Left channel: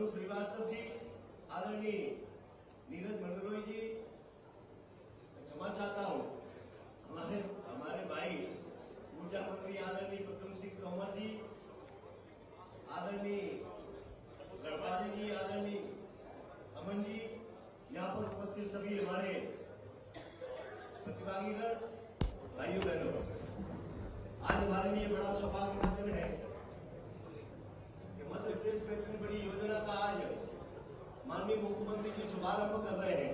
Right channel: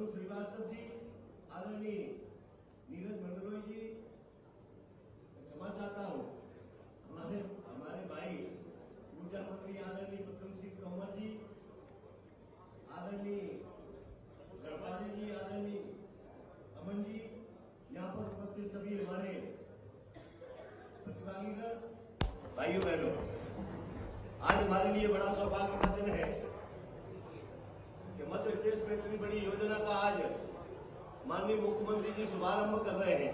मनु श्रीवास्तव जी, आदरणीय नीरज मंडलोई जी, क्षमा चाहता हूँ हमारे भाई ऊर्जा मंत्री आदरणीय प्रद्युम्न सिंह तोमर जी, आदरणीय गढ़पाली जी, आदरणीय अमन जी, यहाँ पर उपस्थित सभी हमारे प्रतिभागीगण, भाइयों बहनों, आज हमारे लिए बड़ा सौभाग्य का दिन है कि मध्य प्रदेश में इतनी बड़ी योजना का आज माननीय मुख्यमंत्री जी शुभारंभ कर रहे हैं।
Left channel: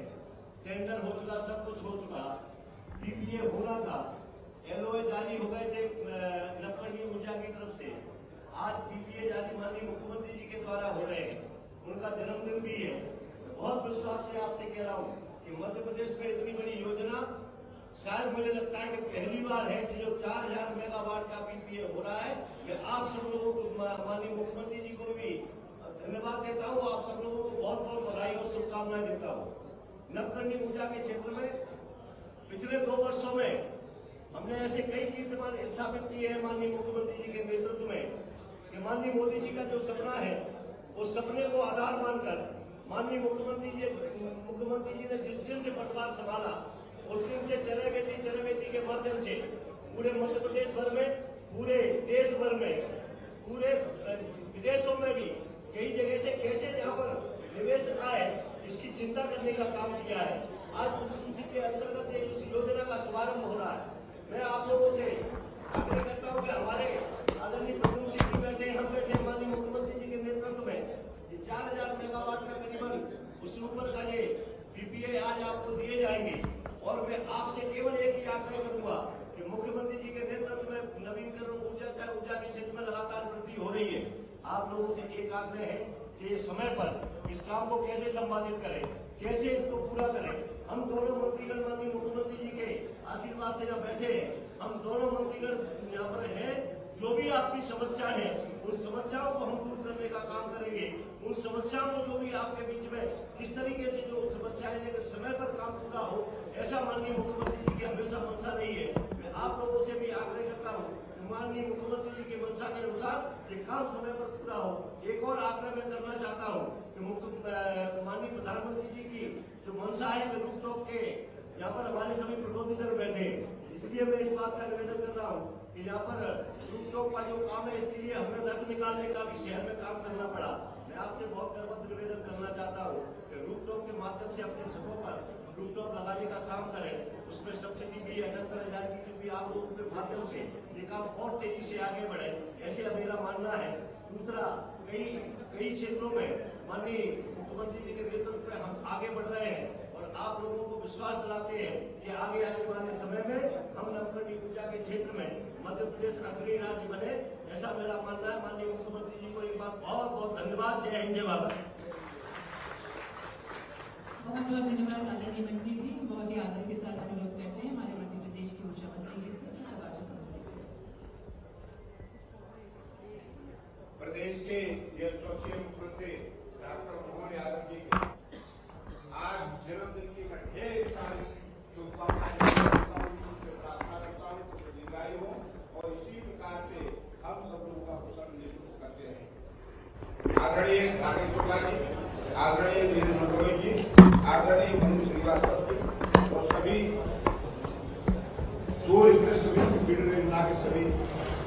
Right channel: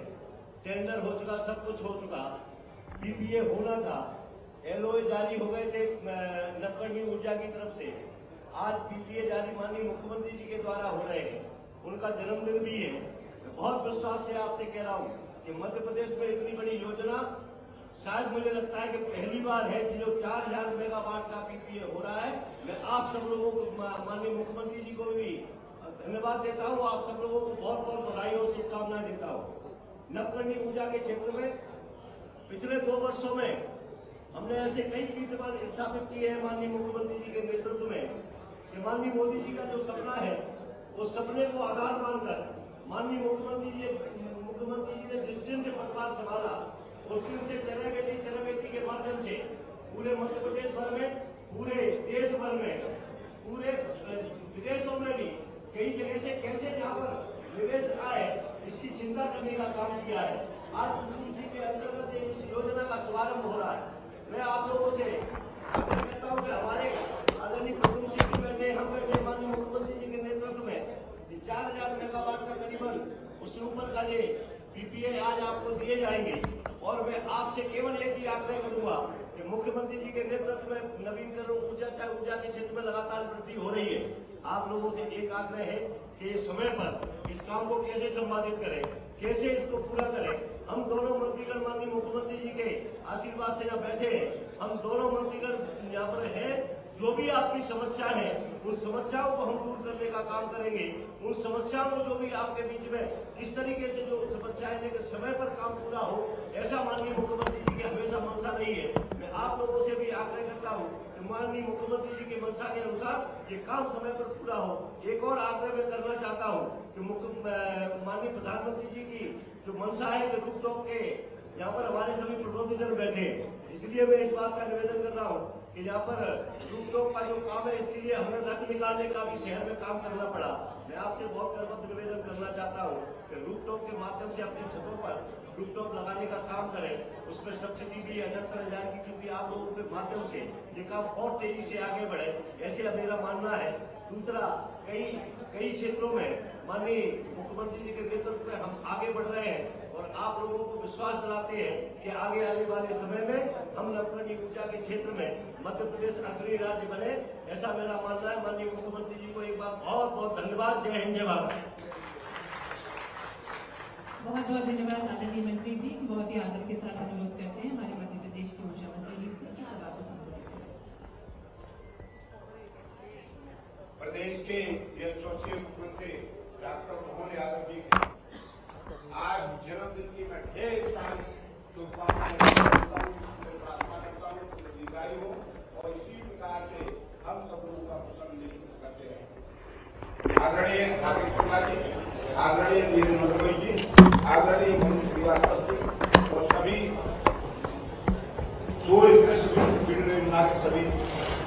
टेंडर हो चुका, सब कुछ हो चुका, पीपीए होना था, एलओए जारी हो गए थे नवकरणीय ऊर्जा की तरफ से। आज पीपीए जारी माननीय मुख्यमंत्री जी के द्वारा हो रहे हैं, उनका जन्मदिन भी है। बहुत विश्वास से आपसे कह रहा हूँ कि मध्य प्रदेश में इतनी बड़ी योजना शायद मुझे लगता है कि पहली बार है कि जो 4000 मेगावाट का पीपीए हो रहा है। मैं आप सब लोगों को, माननीय मुख्यमंत्री जी को भी धन्यवाद देता हूँ, आप सब लोगों को बहुत बहुत बधाई और शुभकामनाएं देता हूँ। नवकरणीय ऊर्जा के क्षेत्र में पिछले 2 वर्षों में हमने ऐसे कई कीर्तिमान स्थापित किए हैं माननीय मुख्यमंत्री जी के नेतृत्व में कि माननीय मोदी जी का जो सपना है उस सपने को आधार मानकर माननीय मुख्यमंत्री जी ने जिस दिन से पटवार संभाला उस दिन से चरवेती के माध्यम से पूरे मध्य प्रदेश भर में, पूरे देश भर में, पूरे विदेशों में भी कई जगह से कैसे यहाँ पर निवेश आए इसकी चिंता करने का काम किया है। आज उसी के अंतर्गत इस योजना का शुभारंभ हो रहा है। मैं आप लोगों से आग्रह करता हूँ कि हमारे आदरणीय प्रद्युम्न सिंह जी बैठे, हम बैठे, माननीय मुख्यमंत्री जी के नेतृत्व में 4000 मेगावाट का करीबन उससे ऊपर का ये पीपीए आज आपको दिए जाएंगे। और मैं आपसे केवल एक ही आग्रह करूंगा कि मुख्यमंत्री जी के नेतृत्व में नवीकरण ऊर्जा के क्षेत्र में लगातार वृद्धि हो रही है। आप लोगों से एक आग्रह है कि समय पर इस काम को कैसे संपादित करें, कैसे इसको पूरा करें। हम दोनों मंत्रीगण माननीय मुख्यमंत्री जी के आशीर्वाद से यहाँ बैठे हैं, हम दोनों मंत्रीगण यहाँ पर हैं। जो भी आपकी समस्या है उन समस्याओं को हम दूर करने का काम करेंगे। उन समस्याओं को जो भी आपके बीच में किस तरीके से जो समस्या है लेकिन समय पर काम पूरा हो, ऐसा माननीय मुख्यमंत्री जी की हमेशा मंशा रही है। मैं आप लोगों से भी आग्रह करता हूँ कि माननीय मुख्यमंत्री जी की मंशा के अनुसार ये काम समय पर पूरा हो। एक और आग्रह मैं करना चाहता हूँ कि माननीय प्रधानमंत्री जी की जो मंशा है कि रूफटॉप के यहाँ पर हमारे सभी प्रतिनिधिगण बैठे हैं, इसलिए मैं इस बात का निवेदन कर रहा हूँ कि यहाँ पर रूफटॉप का जो काम है इसके लिए हमें रथ निकालने का भी शहर में काम करना पड़ा। मैं आपसे बहुत गर्व निवेदन करना चाहता हूँ कि रूफटॉप के माध्यम से अपने छतों पर रूफटॉप लगाने का काम करें। उसमें सब्सिडी भी 78,000 की भी आप लोगों के माध्यम से ये काम और तेजी से आगे बढ़े, ऐसे मेरा मानना है। दूसरा, कई क्षेत्रों में माननीय मुख्यमंत्री जी के नेतृत्व में हम आगे बढ़ रहे हैं और आप लोगों को विश्वास दिलाते हैं कि आगे आने वाले समय में हम नवकरणीय ऊर्जा के क्षेत्र में मध्य प्रदेश अग्रणी राज्य बने, ऐसा मेरा मानना है। माननीय मुख्यमंत्री जी को एक बार बहुत बहुत धन्यवाद। जय हिंद, जय भारत। बहुत बहुत धन्यवाद आदरणीय मंत्री जी। बहुत ही आदर के साथ अनुरोध करते हैं हमारे मध्य प्रदेश के ऊर्जा मंत्री जी से सभा को संबोधित करें। प्रदेश के यशस्वी मुख्यमंत्री डॉक्टर मोहन यादव जी के आज जन्मदिन की मैं ढेर सारी शुभकामनाएं प्रार्थना करता हूँ कि दीर्घायु हो और इसी प्रकार से हम सब लोगों का कुशल करते रहे। आदरणीय राकेश शुक्ला जी, आदरणीय नीरज मंडलोई जी, आदरणीय मनु श्रीवास्तव जी और सभी सूर्य कृष्ण वीडियो योजना के सभी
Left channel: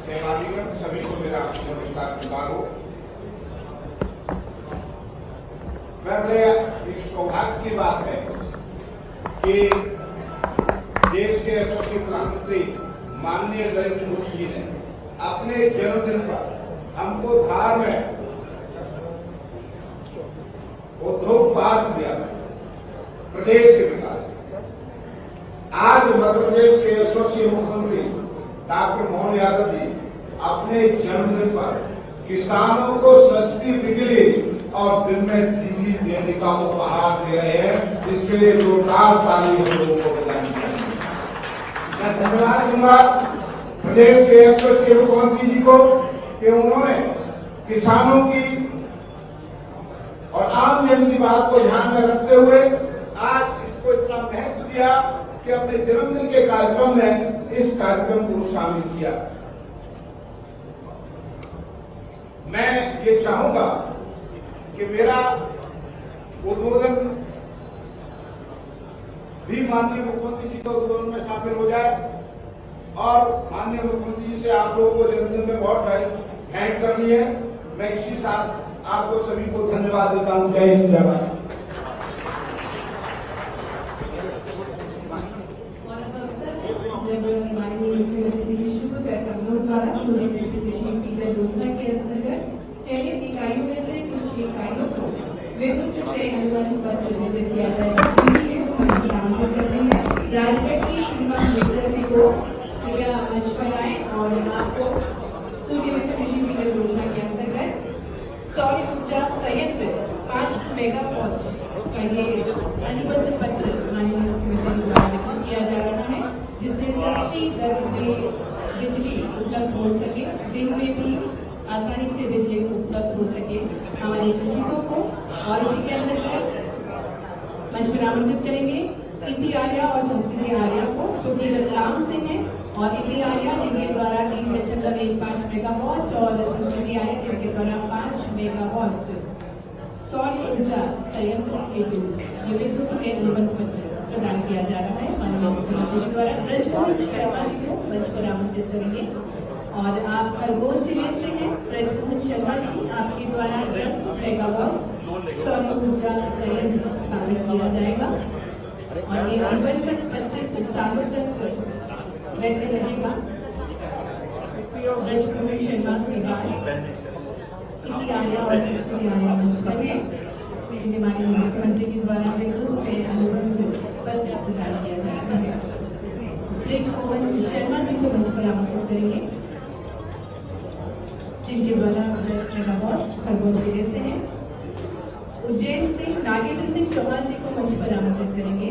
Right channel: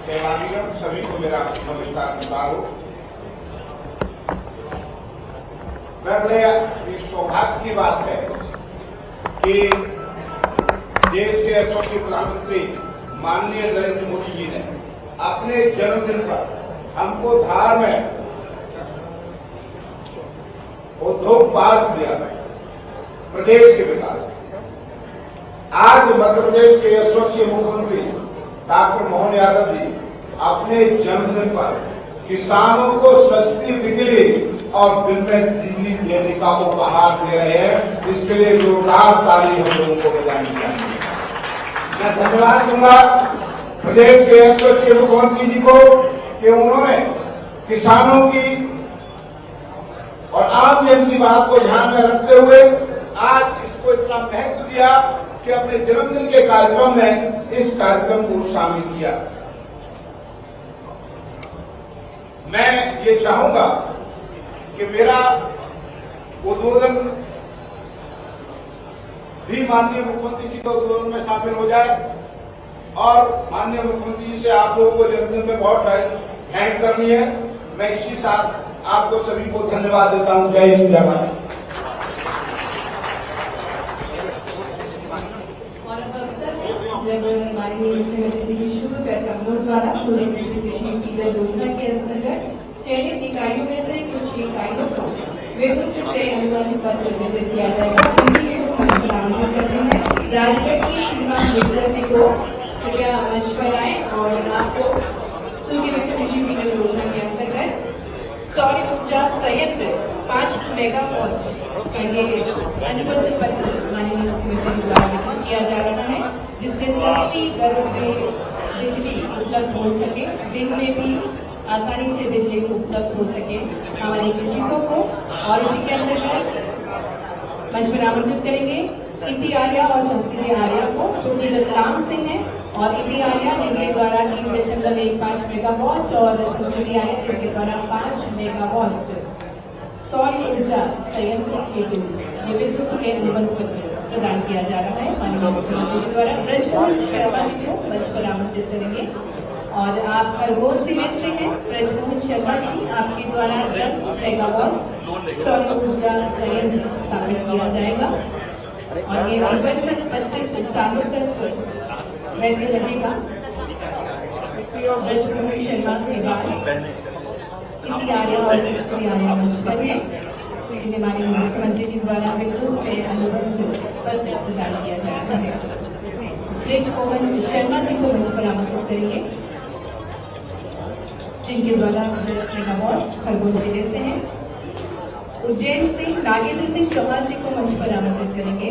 सहभागीगण, सभी को मेरा नमस्कार हो। मैं बड़े एक सौभाग्य की बात है कि देश के यशस्वी प्रधानमंत्री माननीय नरेंद्र मोदी जी ने अपने जन्मदिन पर हमको धार में उद्योग पार्क दिया प्रदेश के विकास। आज मध्य प्रदेश के यशस्वी मुख्यमंत्री डॉक्टर मोहन यादव जी अपने जन्मदिन पर किसानों को सस्ती बिजली और दिन में बिजली देने का उपहार दे रहे हैं। इसके लिए जोरदार ताली हम लोगों को बजानी चाहिए। मैं धन्यवाद दूंगा प्रदेश के यशस्वी मुख्यमंत्री जी को कि उन्होंने किसानों की और आम जन की बात को ध्यान में रखते हुए आज इसको इतना महत्व दिया कि अपने जन्मदिन के कार्यक्रम में इस कार्यक्रम को शामिल किया। मैं ये चाहूंगा कि मेरा उद्बोधन भी माननीय मुख्यमंत्री जी के उद्बोधन में शामिल हो जाए और माननीय मुख्यमंत्री जी से आप लोगों को जन्मदिन में बहुत भेंट करनी है। मैं इसी साथ आपको सभी को धन्यवाद देता हूं। जय हिंद, जय भारत। जब माननीय मुख्यमंत्री शुरू कार्यक्रमों द्वारा सूर्य कृषि फीडर योजना के अंतर्गत चयनित इकाइयों में से कुछ इकाइयों को विद्युत से अनुबंध पत्र वितरित किया जाएगा। राजगढ़ की सीमा मित्र जी को कृपया मंच पर आए और आपको सूर्य कृषि फीडर योजना के अंतर्गत सौर ऊर्जा संयंत्र 5 मेगावाट का ये अनुबंध पत्र माननीय मुख्यमंत्री द्वारा वितरित किया जा रहा है, जिससे सस्ती दरों में बिजली उपलब्ध हो सके, दिन में भी आसानी से बिजली उपलब्ध हो सके हमारे कृषकों को। और इसी के अंतर्गत मंच पर आमंत्रित करेंगे इंदी आर्या और संस्कृति आर्या को, जो कि रतलाम से हैं, और इंदी आर्या जिनके द्वारा 3.15 मेगावाट और संस्कृति आर्या जिनके द्वारा 5 मेगावाट सौर ऊर्जा संयंत्र हेतु ये विद्युत के अनुबंध पत्र प्रदान किया जा रहा है माननीय मुख्यमंत्री जी द्वारा। ब्रजमोहन शर्मा जी को मंच पर आमंत्रित करेंगे और आप खरगोन जिले से हैं। ब्रजमोहन शर्मा जी, आपके द्वारा 10 मेगावाट सौर ऊर्जा संयंत्र स्थापित किया जाएगा और ये अनुबंध 25 स्थानों तक वैध रहेगा। ब्रजमोहन शर्मा के बाद इंदी आर्या और संस्कृति आर्या मंच पर है, जिन्हें माननीय मुख्यमंत्री जी द्वारा विद्युत में अनुबंध पत्र प्रदान किया जा रहा है। ब्रजमोहन शर्मा जी को मंच पर आमंत्रित करेंगे, जिनके द्वारा 10 मेगावाट खरगोन जिले से हैं। उज्जैन से नागेंद्र सिंह चौहान जी को मंच पर आमंत्रित करेंगे।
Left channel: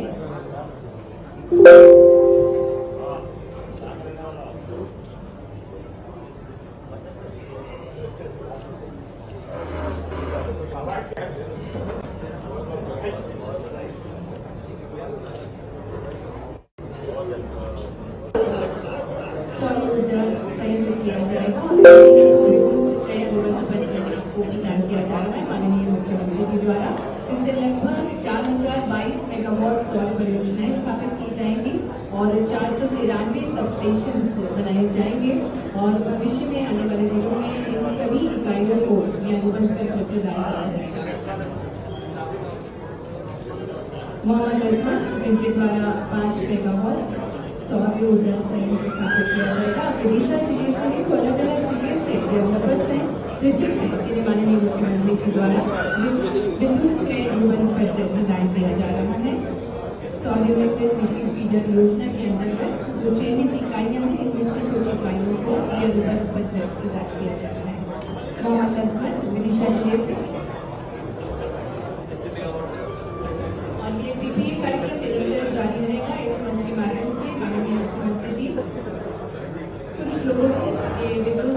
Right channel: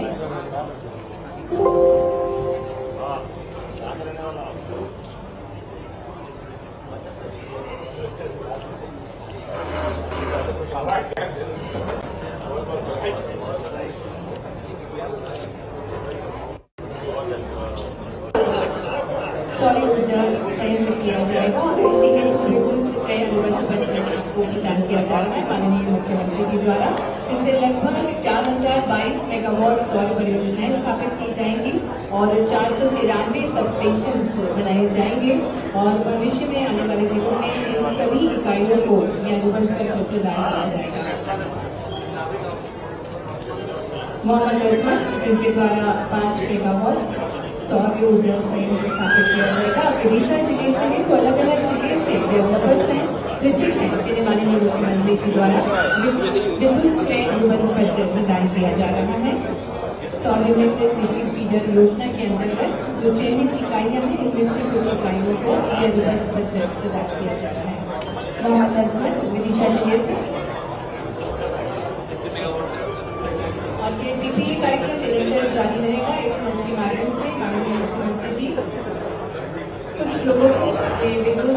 सौर ऊर्जा संयंत्र किया जाएगा और को प्रदान किया जा रहा है माननीय मुख्यमंत्री जी द्वारा। इससे लगभग 4022 मेगावाट सौर परियोजनाएं स्थापित की जाएंगी और 493 सबस्टेशन बनाए जाएंगे और भविष्य में आने वाले दिनों में इन सभी इकाइयों को यह अनुबंध पत्र प्रदान किया जाएगा। मोहम्मद अजमल, जिनके द्वारा 5 मेगावाट सौर ऊर्जा संयंत्र स्थापित किया जाएगा। विदिशा जिले से हैं, तो अलग अलग जिले से डेवलपर्स हैं, कृषक हैं, जिन्हें माननीय मुख्यमंत्री जी द्वारा विद्युत में अनुबंध पत्र प्रदान किया जा रहा है। सौर मित्र कृषि फीडर योजना के अंतर्गत जो चयनित इकाइयां हैं, इनमें से कुछ इकाइयों को यह अनुबंध पत्र प्रदान किया जा रहा है। मोहम्मद अजमल, विदिशा जिले से। और ये पीपीए कार्यक्रम निरंतर जारी रहेगा। इस मंच के माध्यम से माननीय मुख्यमंत्री जी कुछ लोगों को ये विद्युत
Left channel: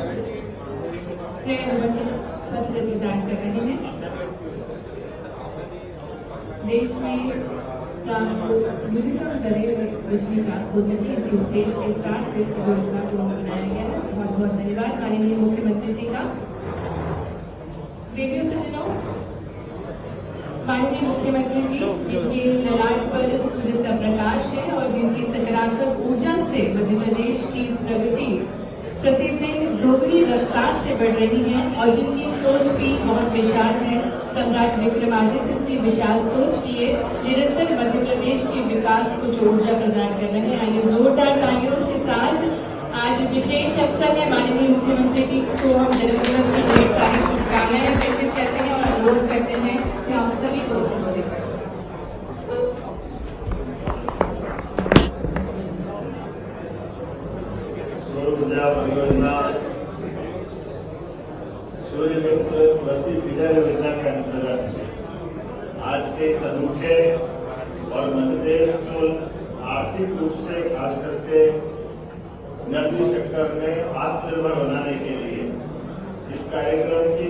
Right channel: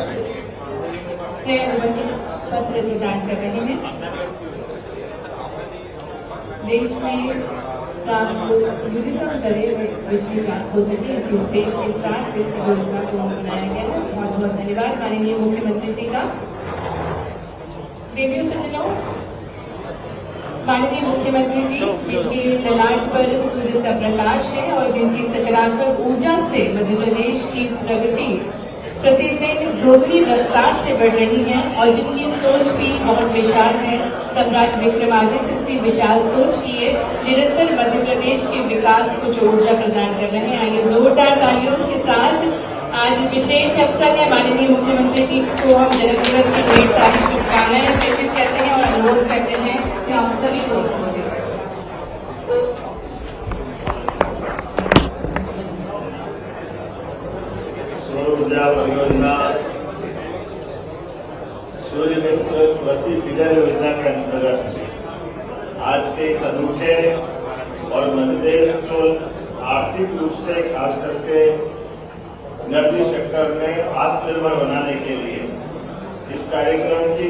अनुबंध पत्र प्रदान कर रहे हैं। देश में न्यूनतम दरें बिजली प्राप्त हो सके, इसी उद्देश्य के साथ इस योजना को बनाया गया है। बहुत बहुत धन्यवाद माननीय मुख्यमंत्री जी का। देवी सज्जनों, माननीय मुख्यमंत्री जी जिनके ललाट पर सूर्य का प्रकाश है और जिनकी सकारात्मक ऊर्जा से मध्य प्रदेश की प्रगति प्रतिदिन दोगुनी रफ्तार से बढ़ रही है और जिनकी सोच भी बहुत विशाल है। सम्राट विक्रमादित्य से विशाल सोच किए निरंतर मध्य प्रदेश के विकास को जो ऊर्जा प्रदान कर रहे हैं। आइए जोरदार तालियों के साथ आज विशेष अवसर है, माननीय मुख्यमंत्री जी को हम जन्मदिवस की ढेर सारी शुभकामनाएं प्रेषित करते हैं और अनुरोध करते हैं कि हम सभी को संबोधित करें। ऊर्जा परियोजना सूर्य मित्र कृषि फीडर योजना के अंतर्गत आज के इस अनूठे और मध्य प्रदेश को आर्थिक रूप से खास करके एनर्जी सेक्टर में आत्मनिर्भर बनाने के लिए इस कार्यक्रम की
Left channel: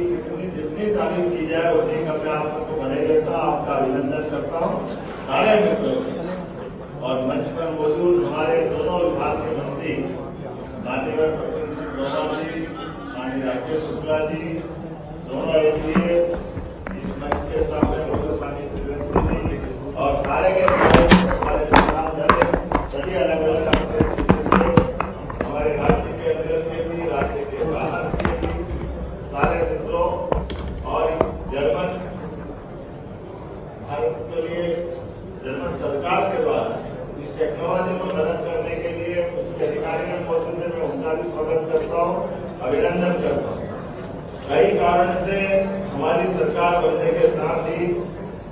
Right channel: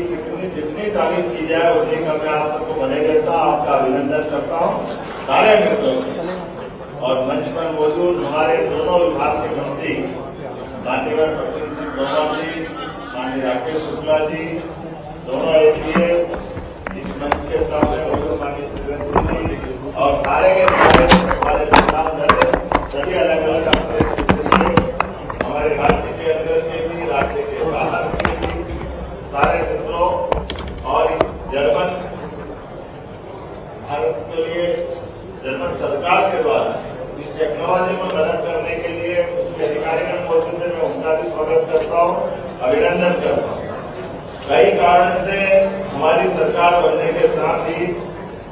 जितनी तारीफ की जाए उतनी का मैं आप सबको बधाई देता हूँ, आपका अभिनंदन करता हूँ सारे मित्रों से। और मंच पर मौजूद हमारे दोनों विभाग के मंत्री मान्यवर प्रवीण सिंह तोमर जी, माननीय राकेश शुक्ला जी, दोनों ACS इस अभिनंदन करता हूँ। कई कारण से हमारी सरकार बनने के साथ ही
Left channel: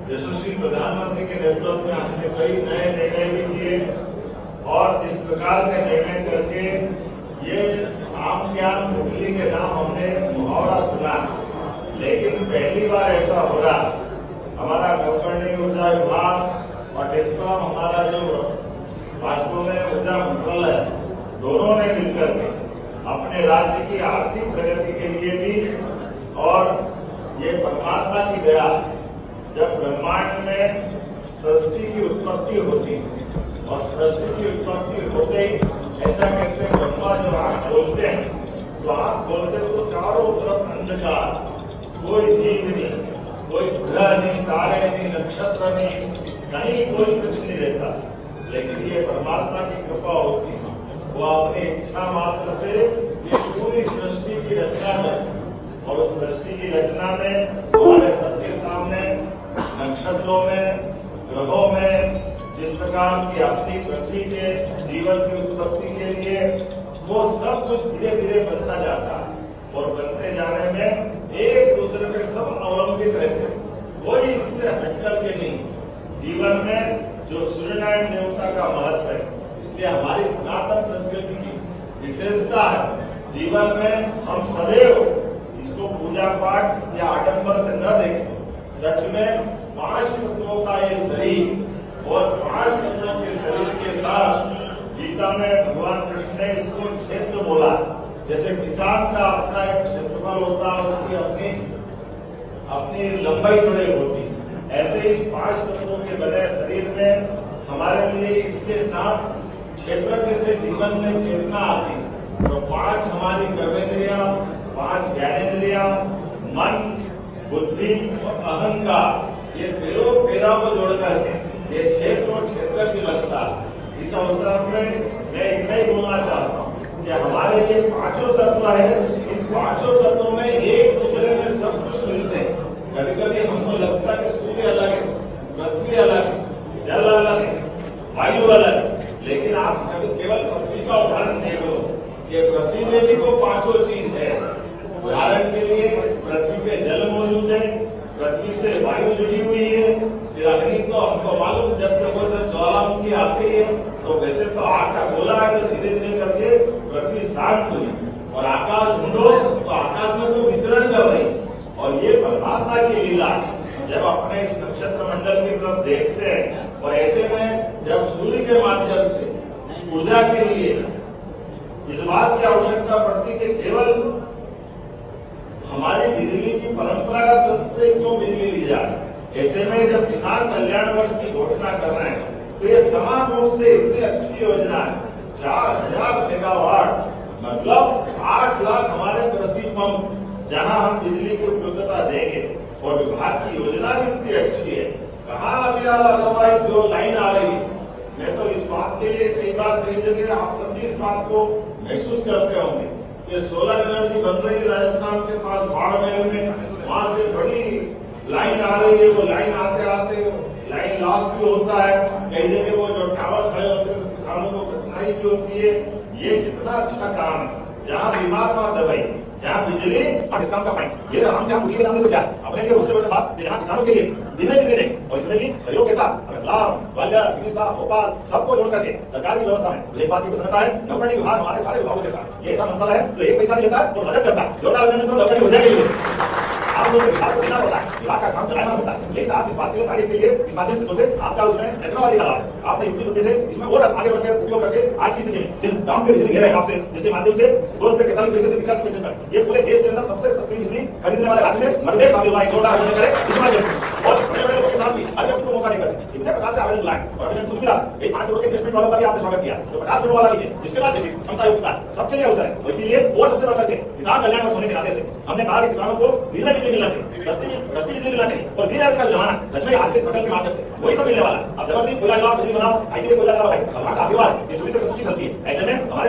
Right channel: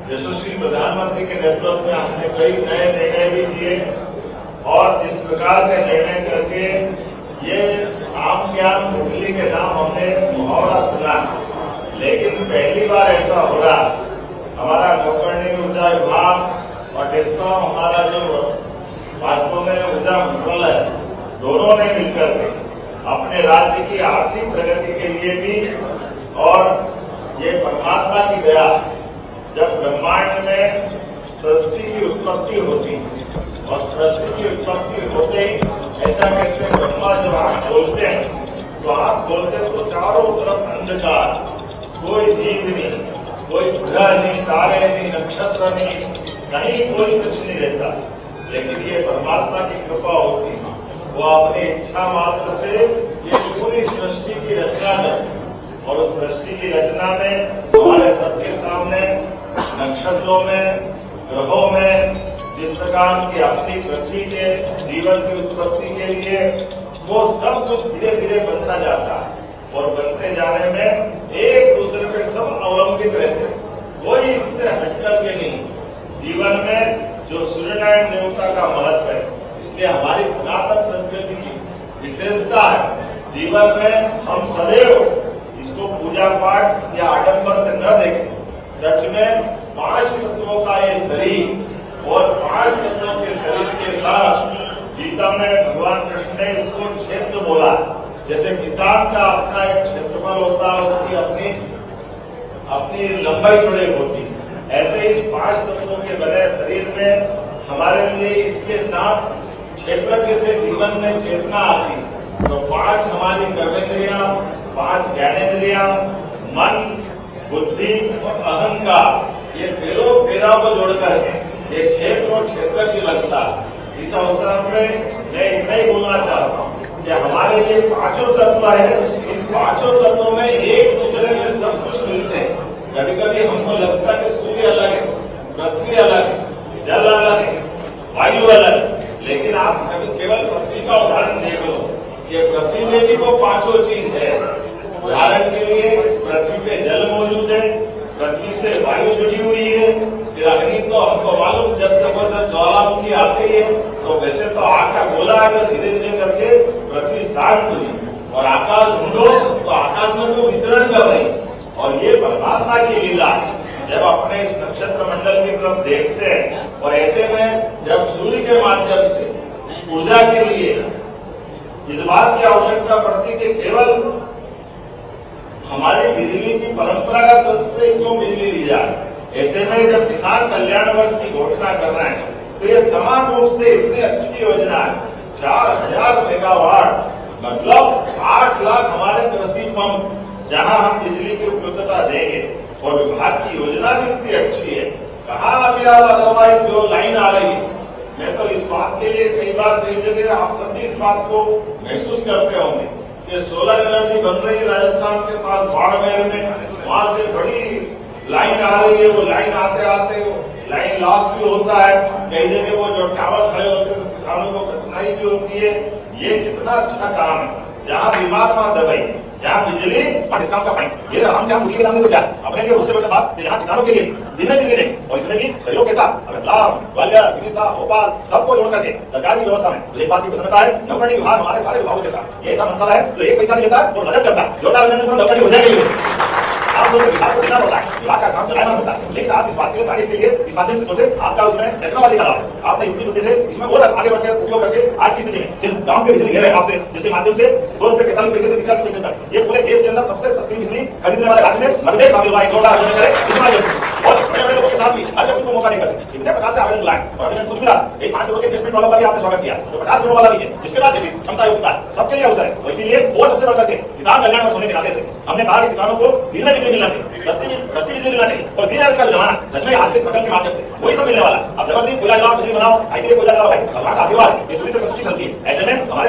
यशस्वी प्रधानमंत्री के नेतृत्व में हमने कई नए निर्णय भी किए और इस प्रकार के निर्णय करके ये आम ज्ञान मुरली के नाम हमने मुहावरा सुना, लेकिन पहली बार ऐसा हो रहा। हमारा नौकरणी ऊर्जा विभाग और डिस्कॉम हमारा जो वास्तव में ऊर्जा मंत्रालय है, दोनों ने मिलकर के अपने राज्य की आर्थिक प्रगति के लिए भी और ये परमात्मा की दया, जब ब्रह्मांड में सृष्टि की उत्पत्ति होती और सृष्टि की उत्पत्ति होते ही ऐसा कहते हैं ब्रह्मा जब आंख खोलते हैं तो आंख खोलते तो चारों तरफ अंधकार, कोई जीव नहीं, कोई ग्रह नहीं, तारे नहीं, नक्षत्र नहीं, कहीं कोई कुछ नहीं रहता। लेकिन ये परमात्मा की कृपा होती है, वो अपनी इच्छा मात्र से ये पूरी सृष्टि की रचना करती और उस सृष्टि की रचना में हमारे सबके सामने नक्षत्रों में, ग्रहों में जिस प्रकार की अपनी पृथ्वी के जीवन की उत्पत्ति के लिए वो सब कुछ धीरे धीरे बनता जाता है और बनते जाने में एक दूसरे पे सब अवलंबित रहते हैं, कोई इससे हटकर के नहीं। जीवन में जो सूर्यनारायण देवता का महत्व है, इसलिए हमारी सनातन संस्कृति की विशेषता है। जीवन में हम सदैव इसको पूजा पाठ या आडंबर से न देखें, सच में 5 तत्वों का ये शरीर और 5 तत्वों के शरीर के साथ गीता में भगवान कृष्ण ने इसको क्षेत्र बोला। जैसे किसान का अपना एक क्षेत्रफल होता है, उसकी अपनी लंबाई चौड़ाई होती है, ऐसे इस 5 तत्वों के बने शरीर में हमारे लिए इसके साथ क्षेत्र से जीवन में चेतना आती। तो 5 हमारी कर्मेंद्रियां, 5 ज्ञानेंद्रियां, मन, बुद्धि और अहंकार, ये 13 को जोड़कर है ये क्षेत्र और क्षेत्र की लगता। इस अवसर में मैं इतना ही बोलना चाहता हूँ कि हमारे ये 5 तत्व है, इन 5 तत्वों में एक दूसरे में सब कुछ मिलते हैं। कभी कभी हमको लगता है कि सूर्य अलग है, पृथ्वी अलग है, जल अलग है, वायु अलग, लेकिन आप केवल पृथ्वी का उदाहरण देख लो, ये पृथ्वी में भी वो 5 चीज है। उदाहरण के लिए पृथ्वी पे जल मौजूद है, पृथ्वी से वायु जुड़ी हुई है, फिर अग्नि तो हमको मालूम जब तक वो ज्वालामुखी आती है तो वैसे तो आग का गोला है, तो धीरे धीरे करके पृथ्वी शांत हुई और आकाश ढूंढो तो आकाश में तो विचरण कर रही। और ये परमात्मा की लीला है। जब अपने इस नक्षत्र मंडल की तरफ देखते हैं और ऐसे में जब सूर्य के माध्यम से ऊर्जा के लिए इस बात की आवश्यकता पड़ती कि केवल हमारी बिजली की परंपरागत रूप से क्यों बिजली दी जाए, ऐसे में जब किसान कल्याण वर्ष की घोषणा कर रहे हैं तो ये समान रूप से इतनी अच्छी योजना है। 4000 मेगावाट मतलब 8 लाख हमारे कृषि पंप जहां हम बिजली की उपलब्धता देंगे और विभाग की योजना भी इतनी अच्छी है। कहाँ अभी अदरवाइज जो लाइन आ रही है, मैं तो इस बात के लिए कई बार कई जगह आप सब भी इस बात को महसूस करते होंगे कि सोलर एनर्जी बन रही है राजस्थान के पास बाड़मेर में, वहां से बड़ी लाइन आ रही है। वो लाइन आते आते लाइन लॉस भी होता है, कई जगह वो जो टावर खड़े होते हैं तो किसानों को कठिनाई भी होती है। ये कितना अच्छा काम है, जहाँ बीमार ना दवाई, जहाँ बिजली और डिस्काउंट का फाइन, ये हम क्या मुख्य नाम क्या अपने लिए उससे बड़ी बात यहाँ किसानों के लिए दिन में बिजली दें और इसमें भी सहयोग के साथ ग्वालियर, विदिशा, भोपाल सबको जोड़ करके सरकार की व्यवस्था में मुझे इस बात की प्रसन्नता है। नौकरी विभाग हमारे सारे विभागों के साथ ये ऐसा मंत्रालय है जो 1 पैसा नहीं लेता और मदद करता है। जोरदार नौकरी हो जाएगी। आप लोगों को विभाग को देना पड़ता है, विभाग का काम चलाना होता है, लेकिन आप इस बात के कार्य के लिए इस माध्यम से सोचे आपका उसमें टेक्नोलॉजी का लाभ आपने युक्ति बुद्धि से इसमें और आगे बढ़कर उपयोग करके आज की स्थिति में जिस गांव के बिजली ले रहे हैं आपसे, जिसके माध्यम से 2 रुपए 45 पैसे से 50 पैसे तक ये पूरे देश के अंदर सबसे सस्ती बिजली खरीदने वाले राज्य में मध्य शामिल हुआ है। जोरदार आयोजन करें इस माध्यम से और बड़े बड़े लोगों के साथ भी हर व्यक्ति को मौका नहीं करते। इतने प्रकार से आवेदन लाए और आवेदन कुछ मिला, एक 5 करोड़ के इन्वेस्टमेंट वालों का भी आपने स्वागत किया, तो 50 करोड़ वाला भी है, जिसके बाद जैसी क्षमता योग्यता सबके लिए अवसर है। इसलिए और सबसे बढ़कर के किसान कल्याण वर्ष होने के नाते से हमने कहा कि किसानों को दिन में बिजली मिलना चाहिए, सस्ती बिजली मिलना चाहिए और ग्रीन एनर्जी का जमाना सच में आज के प्रकल्प के माध्यम से वही सब मिलने वाला। अब जबरदस्ती कोयला जलाओ, बिजली बनाओ, आईटी कोयला जलाओ भाई, भगवान का आशीर्वाद है, ये सूर्य से सब कुछ चलती है। ऐसे में हमारे